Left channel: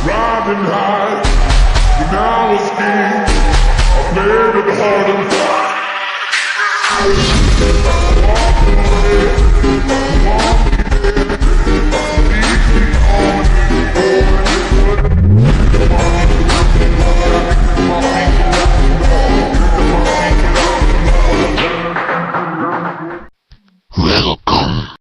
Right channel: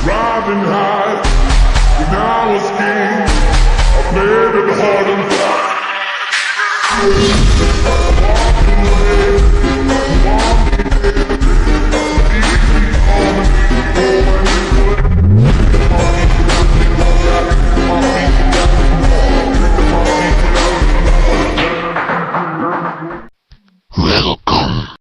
Riding high, when I was king, I played it hard and fast. Walked away, want me there, leave me on me, going good. Pick my people up, pick my people up, pick my people up. Welcome.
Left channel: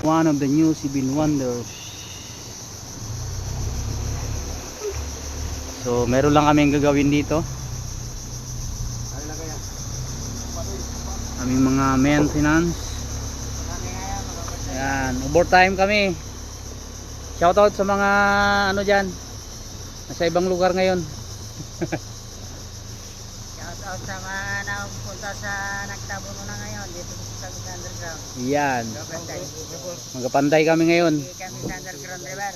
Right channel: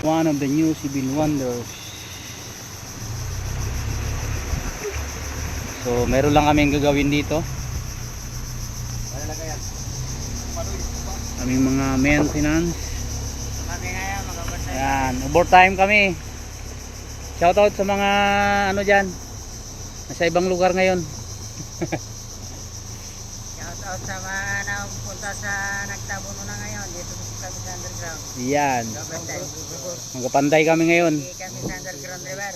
One of the New Zealand wonders. So meron lang kaming gagawin dito. Aming mga maintenance. Ayan, overtime kami. Shoutout sa mga ano dyan, nasa ibang lugar ngayon. Shoutout sa mga nakapunta sa nagtabuno na ngayon dito kami sa underground. Yan, magkapanday kami ngayon. Hindi kami sa underground river.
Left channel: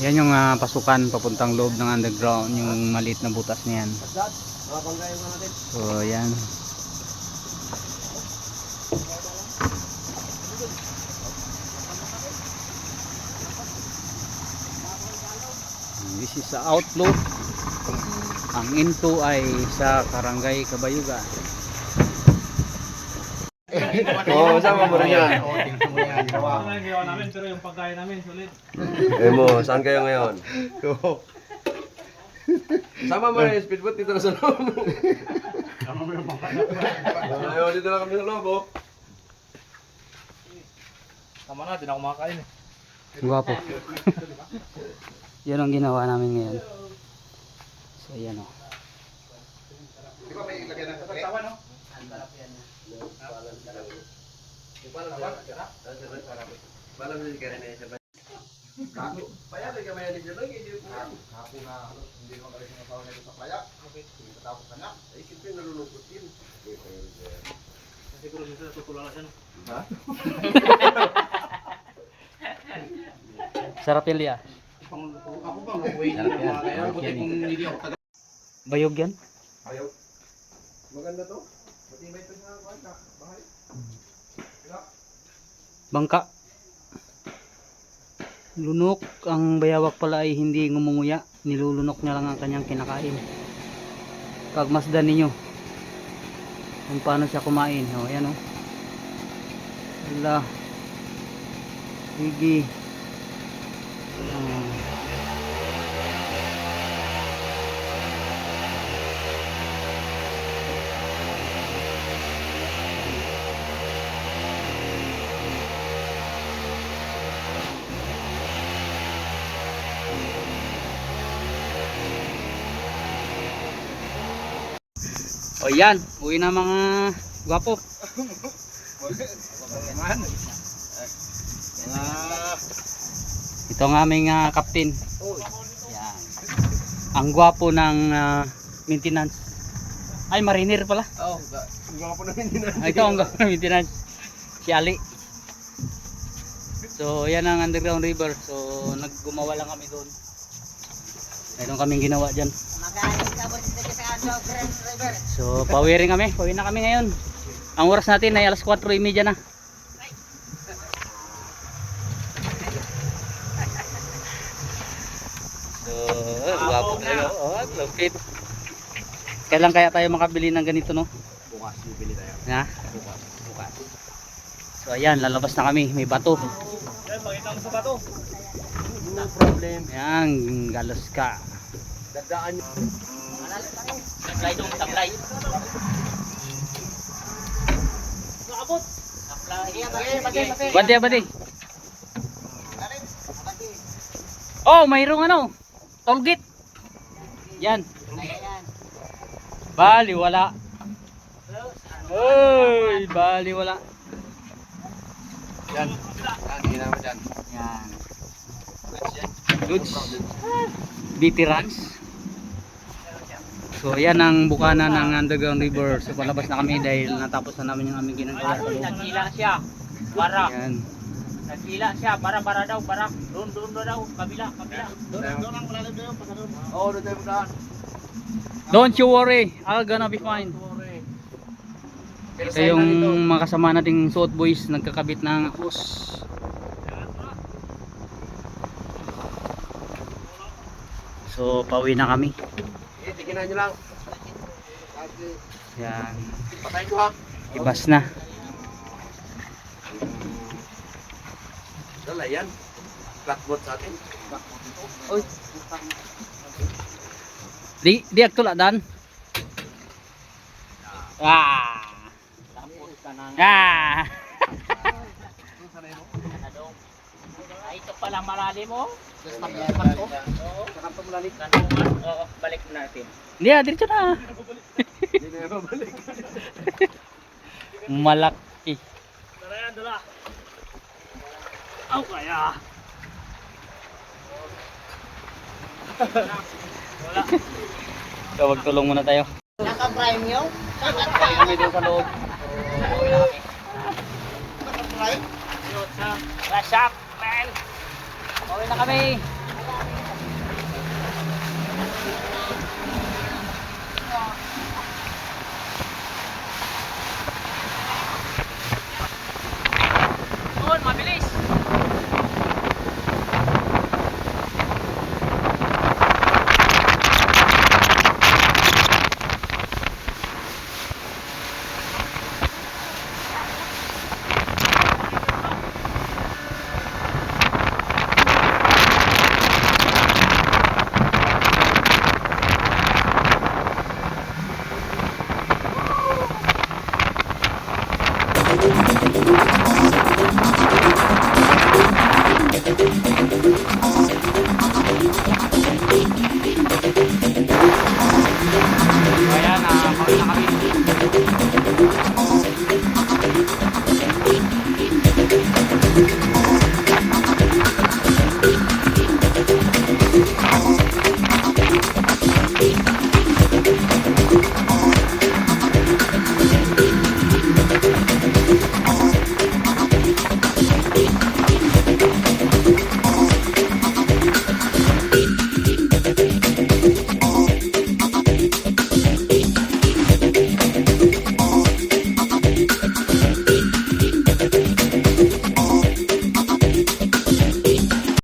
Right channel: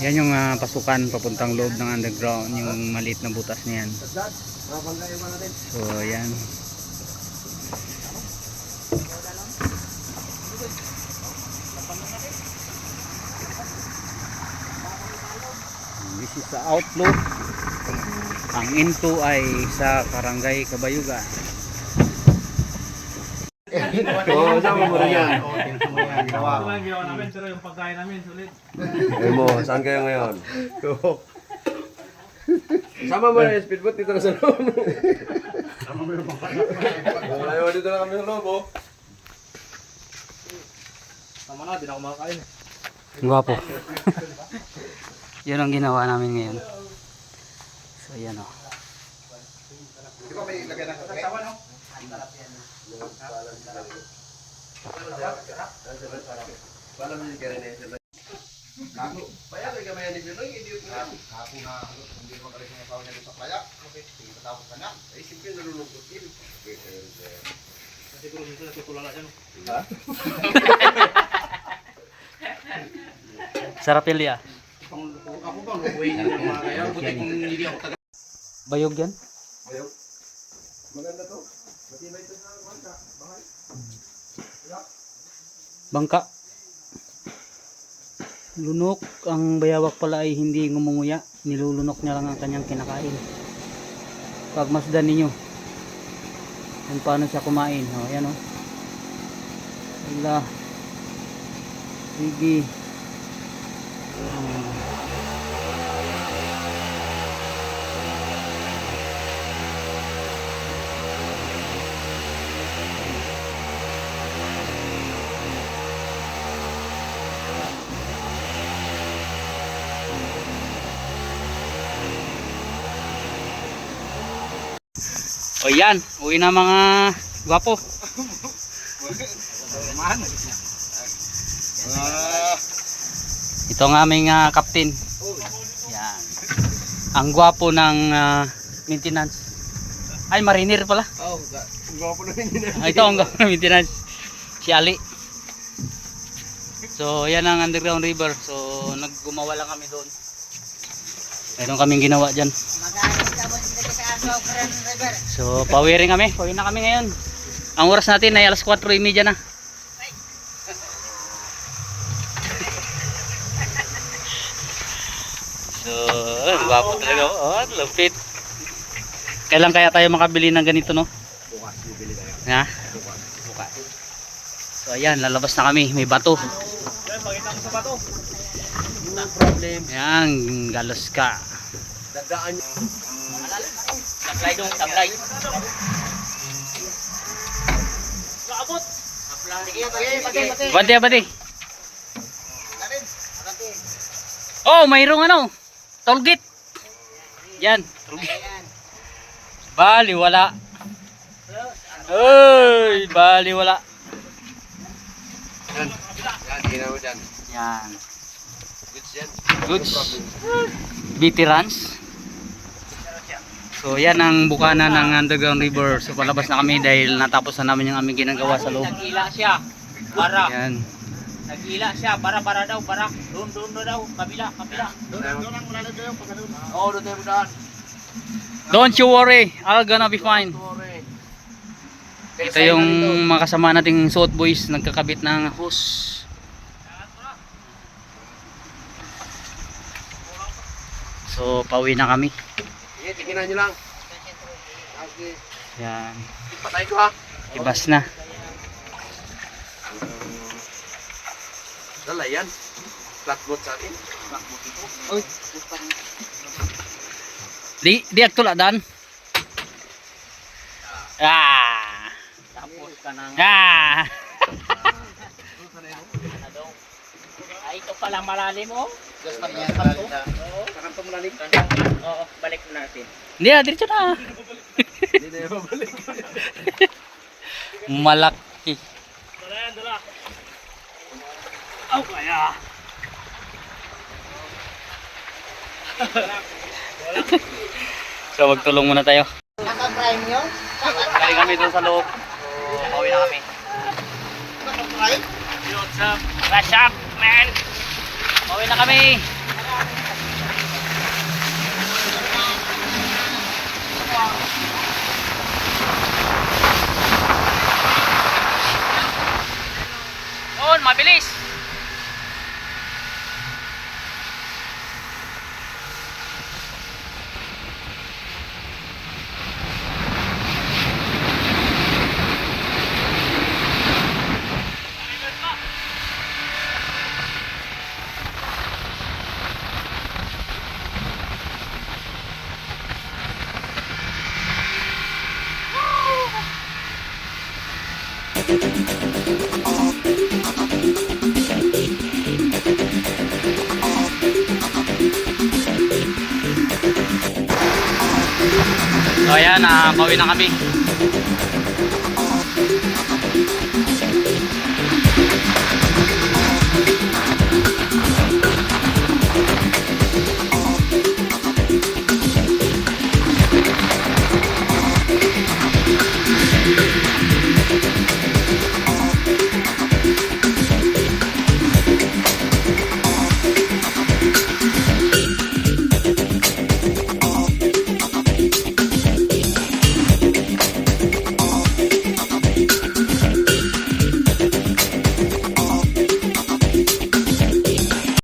Yan yung pasukan papuntang loob ng underground, yung maliit na butas na yan. So yan. This is the outlook. Ang into ay sa Barangay Kabayugan. Oo, sama mo yan. Ginawa namin pero yung pagkain namin sulit. Mo, saan kayo ngayon? Sama mo na yung speedboat dito na sa loob. Ayaw, dito na kami sa loob, oh. Tama na, di na kumakain eh. Guwapo. Yun ang ginawa namin ngayon. So yan o. Di ba may lagyan ng kape? no? Paano mo yung kaya na Kago. Paya, may kamay ni Biloy, hindi ko yan. Ako na hindi mo kalis ng asawa niya sa playa. Okay, sige patapos ka na. Ay, simple nalulungkot yun. Siguro minsan natutulala siya no? Ha? Sarap yan liya. Ako bang lukuhin yung mga kaya? Buti kung hindi ako taga. Bayog yan? Ayaw. Maganda to. Matibay ito sa bangka. Bahay. Bangka. Lunok. Ang bayawak pala ay hindi ngumunguya. Nilulunok niya lang ang kanyang kinakain. Pagmasdan ninyo kung paano siya kumain. O, ayan o. Wala. Sige. O yan, uwi na mga gwapo. Ito ang aming captain. Yan. Ang gwapo ng maintenance. Ay, mariner pala. Oo, gawa po namin din. Ito ang gawin maintenance. Si Ali. So, yan ang underground river. So, naggumawa lang kami doon. Mayroon kaming ginawa dyan. Magaling ka ba dito sa Underground River? So, pawirin kami. Pawirin na kami ngayon. Ang oras natin ay alas 4:30 na. So, gwapo talaga. Oh, lupit. Kailan kaya tayo makabili ng ganito, no? Bukas, bibili tayo. Ha? Bukas. So, ayan, lalabas na kami. May bato. Pakita mo sa bato. No problem. Ayan, galos ka. Dadaan nyo. Taglay dong, taglay. Kaabot. Bante, bante. Oh, mayroong ano? Tollgate. Yan. Bali, wala. Uy, bali, wala. Yan. Yan, hinaw dyan. Yan. Goods yan. Goods. Veterans. So, yan ang bukana ng underground river. So, palabas na kami dahil natapos na namin yung aming ginagawa sa loob. Nagila siya. Bara. Yan. Nagila siya. Bara daw. Bara. Doon daw. Kabila. Doon ang malalim kayo, pag ganun. Oo, doon tayo daan. Don't you worry, I'll gonna be fine. Ito yung mga kasama nating suot boys, nagkakabit ng hose. So, pauwi na kami. Sige, tiginan nyo lang. Yan. Patay ko ha. Ibas na. Dala yan. Blackboard sa atin. Blackboard ito. Uy. Di aktula dan. Ah. Tapos ka nang. Ah. Ay, ito pala malalim mo. Just pag-iapan to. Oo. Sakang tumulalim. Oo. Balik mo natin. Hindi diretso na. Hindi na yung babalik. Malaki. Dala yan, dala. Aw, kaya. So, magtulong muna tayo. Naka-prime nyo? Kali kami doon sa loob. So, pauwi na kami. What's up? What's up, man? Pauwi na kami. On, mabilis. So ayan, pauwi na kami.